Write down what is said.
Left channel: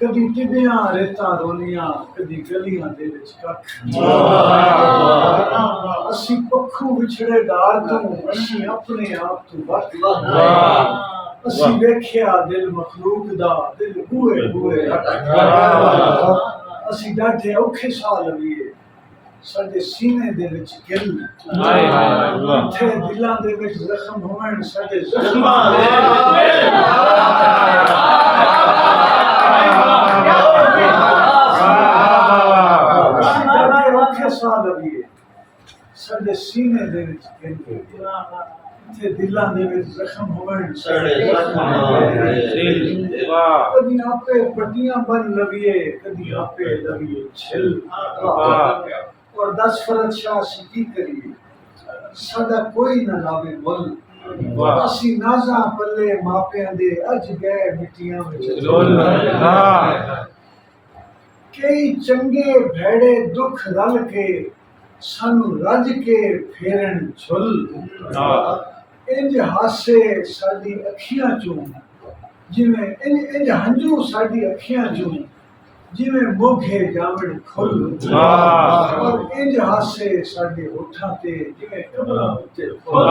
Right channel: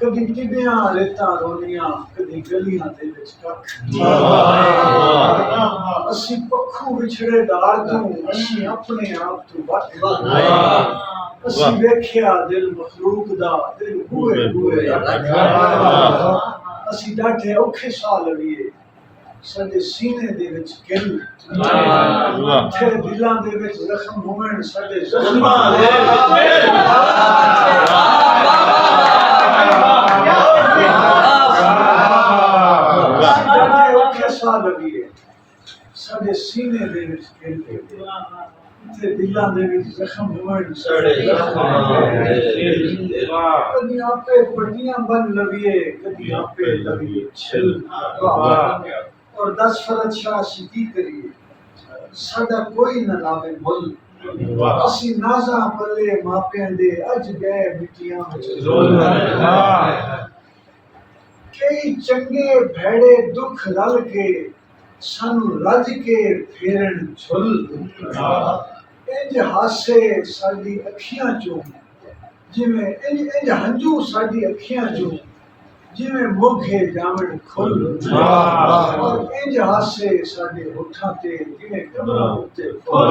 कदी टिबियां रेतां रोनियां कदी गलियां दे विच कख असी पखू विछड़े डार तों असी अपने आप तो वट असी वेख्या दिल मखलूक दा दिल बूए बूए असी डाढे औखे साह लवीए साडे सीने दे विच गिल थे दिलां दे विच जख्म होवण साडे जख्मां दे साह लवीए साडे सीने दे विच गिल थे दिलां दे विच जख्म होवण साडे जख्मां दे कदी आपे पट्टियां बन लवीए कदी आपे लवीए छिल और 10 फरज शाह की करिए साडा कोई न लावे मुल असी नाज़ा पल्ले मापियां दे अज गए मिट्टियां विच कई चंगे भैड़े दुख रल के सानू रज के फेरन झुल इंज हासे साडी अखियां चों जिवें इंज हंजू साडी अखियां चों जिवें मोघे जावण खुल और इंज हासे साडे होठां ते जिवें कबरां उत्ते फुल